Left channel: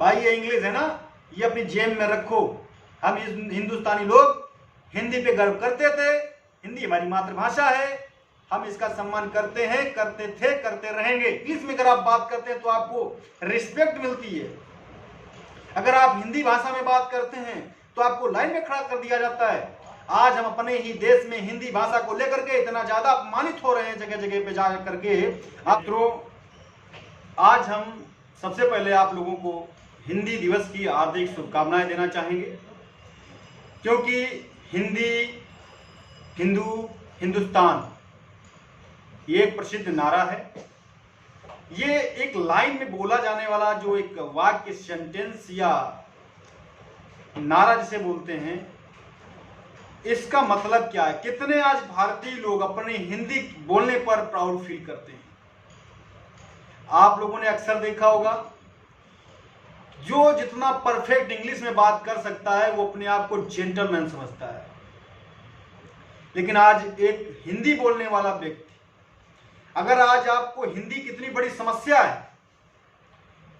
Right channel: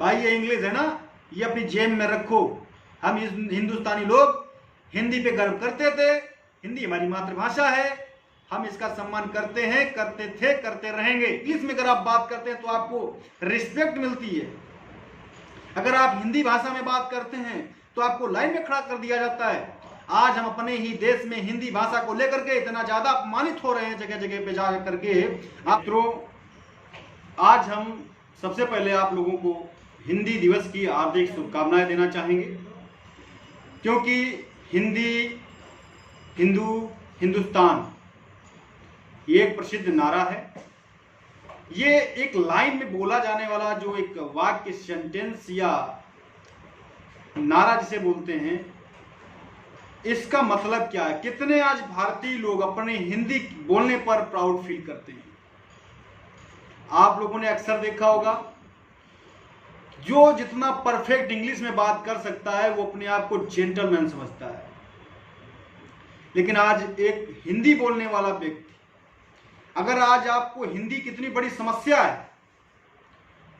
भाई ये इंग्लिश है ना, ये अपनी जेब में रखो। हम हिंदुस्तानी लोग हिंदी पे गर्व करते थे, हिंदी हमारी मातृभाषा है, हम इसका सम्मान करते हैं, करते थे, करते रहेंगे। इंग्लिश में अगर आप बात करते हैं तो आपको रिस्पेक्ट मिलती है। अगर आप हिंदी भाषा में बात करते हैं तो आपको लाइन में खड़ा कर दिया जाता है। आज हम अपने ही देश में हिंदी भाषा को लेकर के इतना ज्यादा अपमानित हो रहे हैं जगह जगह पे जा करके। आज हम सबसे पहले आप लोगों को हिंदी दिवस की हार्दिक शुभकामनाएं देना चाहेंगे, क्योंकि हिंदी, हिंदू, हिंदुस्तान ये एक प्रसिद्ध नारा है। ये एक लाइन में बोला जाने वाला जो एक वाक्य, सेंटेंस या नारा जिसे बोलते हैं, इसका मतलब क्या है? कितने आज भारतीय लोग अपने हिंदी बोलने पर प्राउड फील करते हैं। आप लोगों ने अक्सर देखा होगा, जो जितना परफेक्ट इंग्लिश में बात कर सकता है वो अपने आप को जेंटलमैन समझता है। लेकिन आज एक हिंदी बोलने वाला व्यक्ति, अगर आज आपको हिंदी कितनी बड़ी समस्या है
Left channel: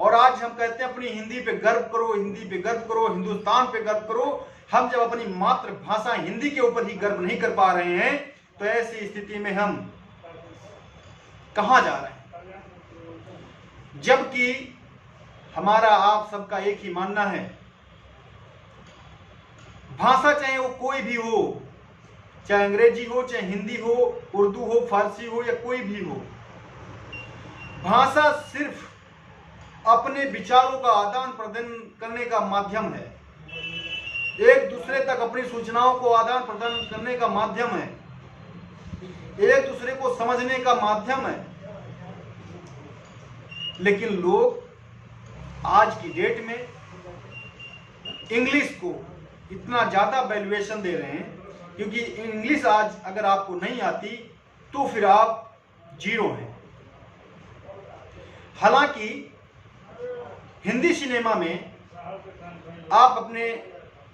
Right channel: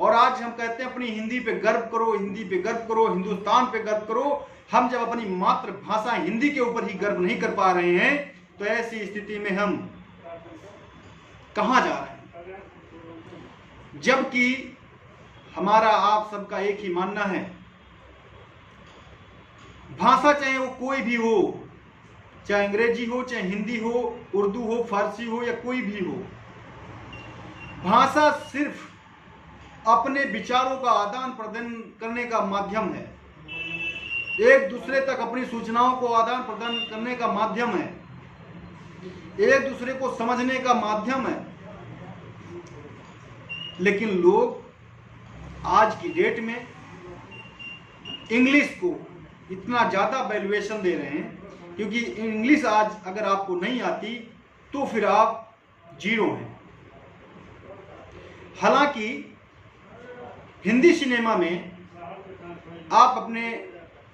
और आज हम कहते हैं अपनी हिंदी पे गर्व करो, हिंदी पे गर्व करो, हिंदुस्तान पे गर्व करो, हम जब अपनी मातृभाषा हिंदी के ऊपर ही गर्व नहीं कर पा रहे हैं तो ऐसी स्थिति में हम कहां जा रहे हैं? जबकि हमारा आप सबका एक ही मानना है, भाषा चाहे वो कोई भी हो, चाहे अंग्रेजी हो, चाहे हिंदी हो, उर्दू हो, फारसी हो या कोई भी हो, भाषा सिर्फ अपने विचारों का आदान प्रदान करने का माध्यम है, एक दूसरे तक अपनी सूचनाओं को आदान प्रदान करने का माध्यम है, एक दूसरे को समझने का माध्यम है। लेकिन लोग आज की डेट में इंग्लिश को इतना ज्यादा वैल्यूएशन दे रहे हैं, क्योंकि इंग्लिश आज अगर आपको नहीं आती तो फिर आप जीरो हैं। हालांकि हिंदी सिनेमा में आप अपने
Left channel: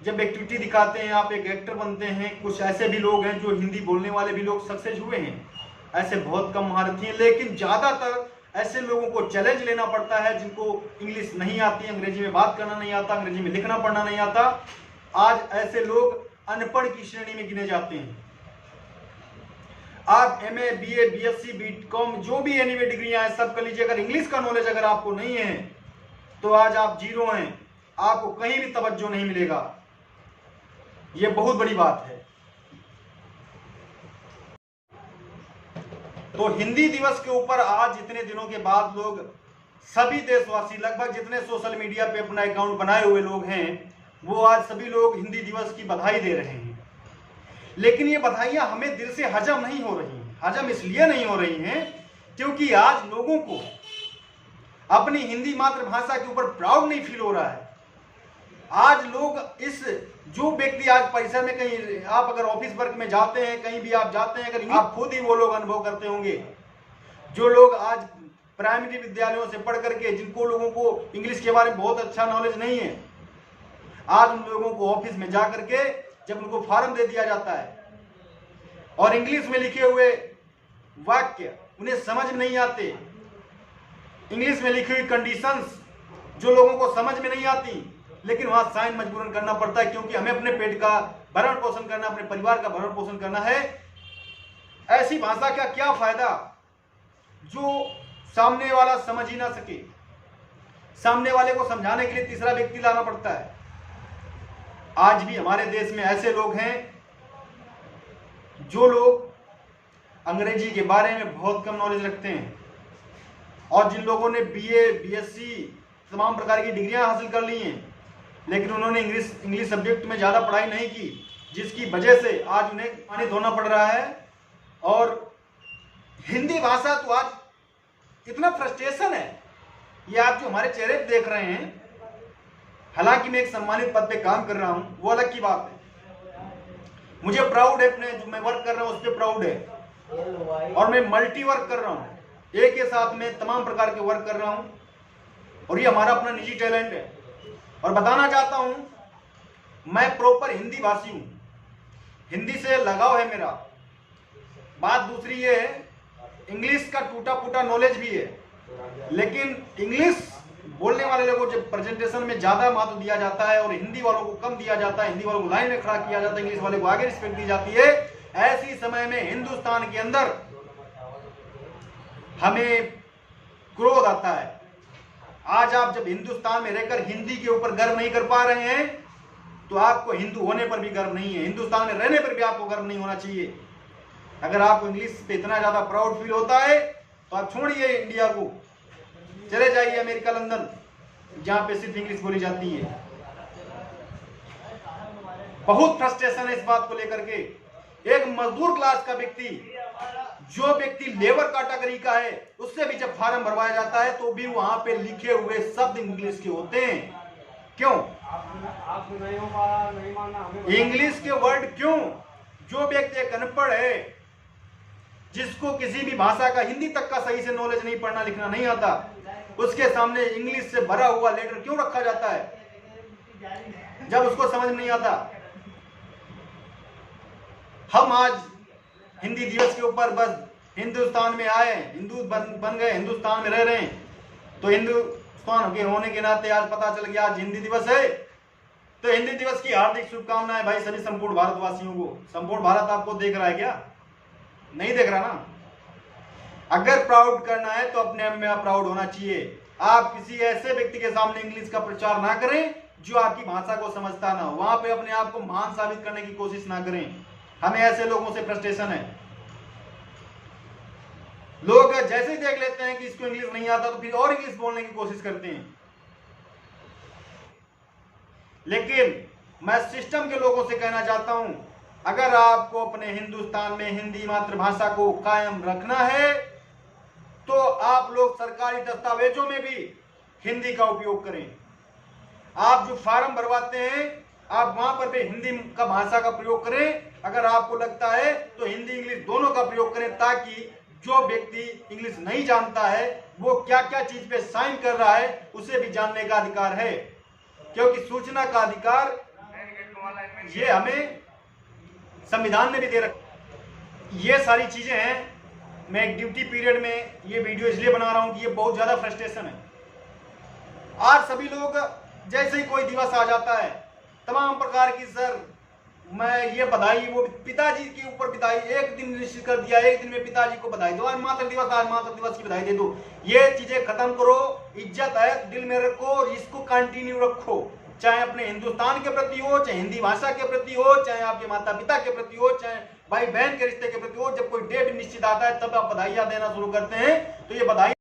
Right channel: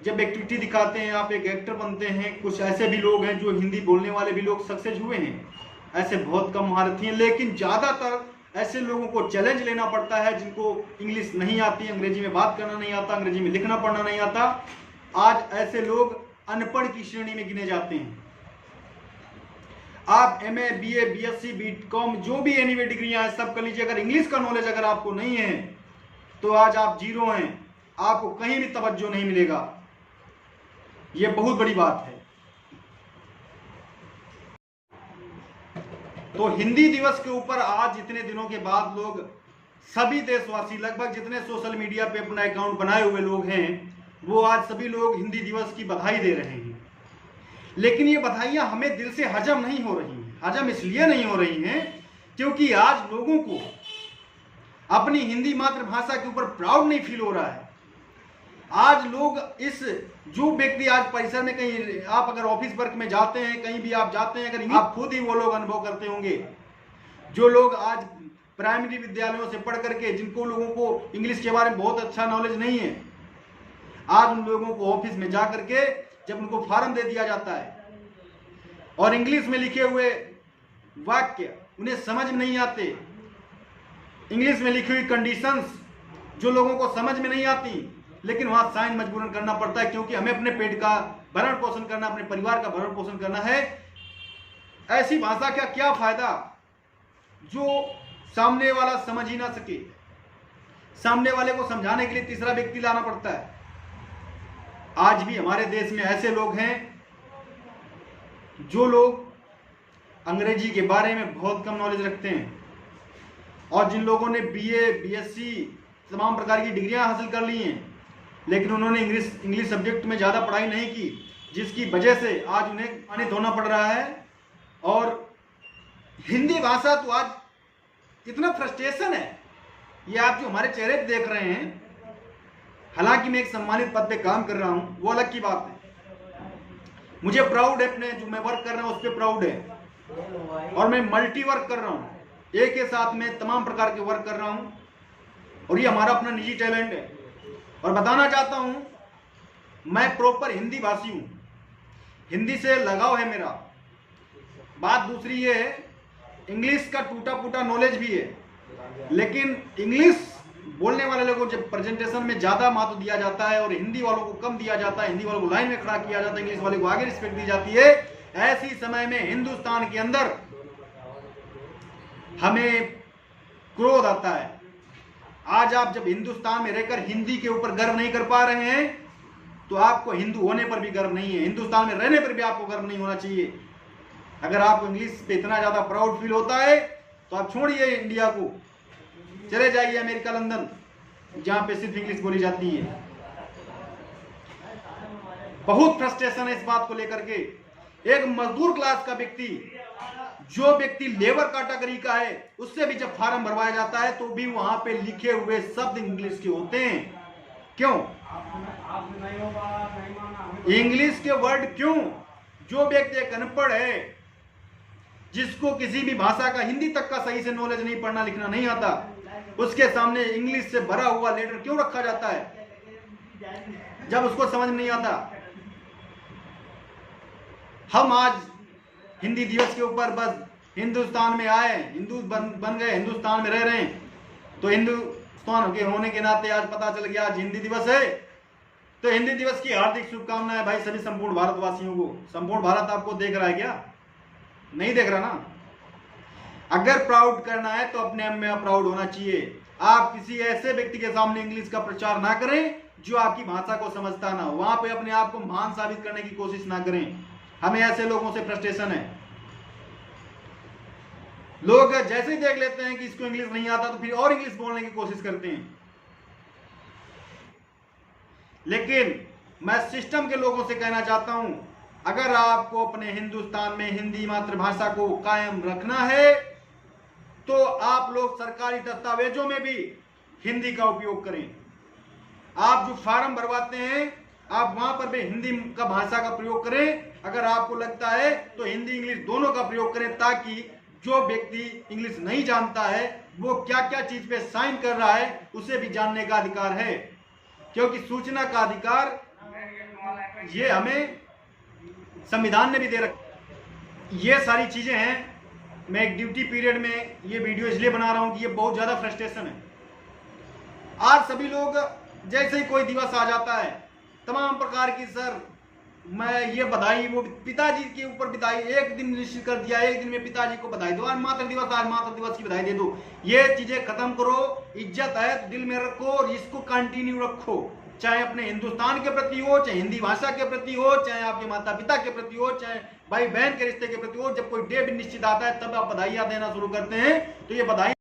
जब एक्टिविटी दिखाते हैं, आप एक एक्टर बनते हैं, कुछ ऐसे भी लोग हैं जो हिंदी बोलने वाले भी लोग सक्सेस हुए हैं, ऐसे बहुत कम महारथी हैं। लेकिन ज़्यादातर ऐसे लोगों को चैलेंज लेना पड़ता है जिनको इंग्लिश नहीं आती, अंग्रेजी में बात करना नहीं आता, अंग्रेजी में लिखना पढ़ना नहीं आता। आज ऐसे लोग अनपढ़ की श्रेणी में गिने जाते हैं। आप MA, BA, BSc, BCom जो भी एनीवे डिग्रियां हैं सब कर लीजिए, अगर इंग्लिश का नॉलेज अगर आपको नहीं है तो आज आप जीरो हैं, आपको कहीं भी तवज्जो नहीं मिलेगा। यह बहुत बड़ी बात है। तो हिंदी दिवस के ऊपर आज इतने दिनों के बाद लोग, सभी देशवासी, लगभग जितने सोशल मीडिया पे अपना अकाउंट बनाए हुए लोग हैं, वो आज सभी लोग हिंदी दिवस की बधाई दे रहे हैं। लेकिन ये बधाइयां हमें दिल से हजम नहीं हो रही हैं। हजम इसलिए नहीं हो रही हैं क्योंकि आज लोगों को अपनी हिंदी मातृभाषा के ऊपर प्राउड नहीं फील हो रहा है। आज लोग इस, जो व्यक्ति आज परिसर में, कहीं आप अगर ऑफिस वर्क में जाते हैं, कहीं भी आप जाते हैं, अगर आप खुद ही वो लोग अनुभव करते होंगे, जो लोग आज प्राइमरी विद्यालयों से पढ़ करके, जिनको लोगों को इंग्लिश के बारे में बहुत अच्छा नॉलेज नहीं है, आज उन लोगों को ऑफिस में जा करके जब उनको फॉर्म दे दिया जाता है और इंग्लिश में लिखे हुए वाक्य उन्हें समझ में नहीं आते, इंग्लिश में लिखी हुई कंडीशंस जो लोगों को समझ में नहीं आती, लेकिन वहां साइन मजबूरन करना पड़ता है क्योंकि हमें अपने पेट का भरण पोषण करना, अपने परिवार का भरण पोषण करना है। ऐसी भाषा का क्या फायदा जो सामने वाला समझ ही ना सके? सामने वाले को समझाने के लिए तीसरा व्यक्ति लाना पड़ता है। आज भी हमारे देश में ऐसे लोग हैं जो लोग अंग्रेजी के बारे में बहुत कम नॉलेज रखते हैं, और जिन लोगों ने BA, BSc तमाम प्रकार की डिग्रियां हासिल कर ली हैं, लेकिन उन्होंने इंग्लिश सब्जेक्ट में ज़्यादा पढ़ाई नहीं की, जिसकी वजह से आज उन्हें पानी धोना पड़ रहा है। और हिंदी भाषा तो आज इतना फ्रस्ट्रेशन है, ये आप जो हमारे चेहरे पे देख रहे हैं, हालांकि मैं एक सम्मानित पद पे काम कर रहा हूं, वो अलग की बात है। मुझे प्राउड है अपने जो मैं वर्क कर रहा हूं उस पर प्राउड है, और मैं मल्टी वर्क कर रहा हूं, एक के साथ में तमाम प्रकार के वर्क कर रहा हूं, और ये हमारा अपना निजी टैलेंट है। और बताना चाहता हूं मैं प्रॉपर हिंदी भाषी हूं, हिंदी से लगाव है मेरा। बात दूसरी ये है, इंग्लिश का टूटा फूटा नॉलेज भी है, लेकिन इंग्लिश बोलने वाले लोगों को जब प्रेजेंटेशन में ज़्यादा महत्व दिया जाता है और हिंदी वालों को कम दिया जाता है, हिंदी वालों को लाइन में खड़ा किया जाता है, इंग्लिश वाले को आगे रिस्पेक्ट दी जाती है, ऐसी समय में हिंदुस्तान के अंदर हमें क्रोध आता है। आज आप जब हिंदुस्तान में रहकर हिंदी के ऊपर गर्व नहीं कर पा रहे हैं तो आपको हिंदू होने पर भी गर्व नहीं है, हिंदुस्तान में रहने पर भी आपको गर्व नहीं होना चाहिए। अगर आपको इंग्लिश पे इतना ज़्यादा प्राउड फील होता है तो आप छोड़िए इंडिया को, चले जाइए अमेरिका, लंदन, जहां पे सिर्फ इंग्लिश बोली जाती है। बहुत फ्रस्ट्रेशन है इस बात को लेकर के। एक मजदूर क्लास का व्यक्ति, जो व्यक्ति लेबर कैटेगरी का है, उससे भी जब फार्म भरवाया जाता है तो भी वहां पे लिखे हुए शब्द इंग्लिश के होते हैं। क्यों इंग्लिश के वर्ड? क्यों? जो व्यक्ति एक अनपढ़ है, जिसको किसी भी भाषा का, हिंदी तक का सही से नॉलेज नहीं, पढ़ना लिखना नहीं आता, उसके सामने इंग्लिश से भरा हुआ लेटर क्यों रखा जाता है जब उसको समझ नहीं आता? हम आज हिंदी दिवस के ऊपर बस हिंदुस्तान में आए, हिंदू बन गए, हिंदुस्तान में रह रहे हैं, तो हिंदुस्तान के होने के नाते आज पता चल गया आज हिंदी दिवस है, तो हिंदी दिवस की हार्दिक शुभकामनाएं भाई सभी संपूर्ण भारतवासियों को। संपूर्ण भारत आपको देख रहा है क्या? नहीं देख रहा ना। अगर प्राउड करना है तो अपने आप में प्राउड होना चाहिए। आप किसी ऐसे व्यक्ति के सामने इंग्लिश का प्रचार ना करें जो आपकी भाषा को समझता ना हो, वहां पे अपने आप को महान साबित करने की कोशिश ना करें। हमें ऐसे लोगों से फ्रस्ट्रेशन है। लोग जैसे ही देख लेते हैं कि इसको इंग्लिश नहीं आता तो फिर और इंग्लिश बोलने की कोशिश करते हैं। लेकिन मैं सिस्टम के लोगों से कहना चाहता हूं, अगर आपको अपने हिंदुस्तान में हिंदी मातृभाषा को कायम रखना है तो आप लोग सरकारी दस्तावेजों में भी हिंदी का उपयोग करें। आप जो फार्म भरवाते हैं आप वहां पर भी हिंदी का भाषा का प्रयोग करें। अगर आपको लगता है तो हिंदी इंग्लिश दोनों का प्रयोग करें, ताकि जो व्यक्ति इंग्लिश नहीं जानता है वो क्या क्या चीज पे साइन कर रहा है उसे भी जानने का अधिकार है, क्योंकि सूचना का अधिकार ये हमें संविधान ने भी दे रखा। ये सारी चीजें हैं। मैं एक ड्यूटी पीरियड में ये वीडियो इसलिए बना रहा हूं कि ये बहुत ज्यादा फ्रस्ट्रेशन है। आज सभी लोग जैसे ही कोई दिवस आ जाता है तमाम प्रकार की, सर मैं ये बधाई, वो पिताजी के ऊपर बधाई, एक दिन निश्चित कर दिया, एक दिन में पिताजी को बधाई दो, आज मातृ दिवस की बधाई दे दो। ये चीजें खत्म करो। इज्जत है दिल में रखो और इसको कंटिन्यू रखो, चाहे अपने हिंदुस्तान के प्रति हो, चाहे हिंदी भाषा के प्रति हो, चाहे आपके माता पिता के प्रति हो, चाहे भाई बहन के रिश्ते के प्रति हो। जब कोई डे भी निश्चित आता है तब आप बधाइयां देना शुरू करते हैं, तो ये बधाई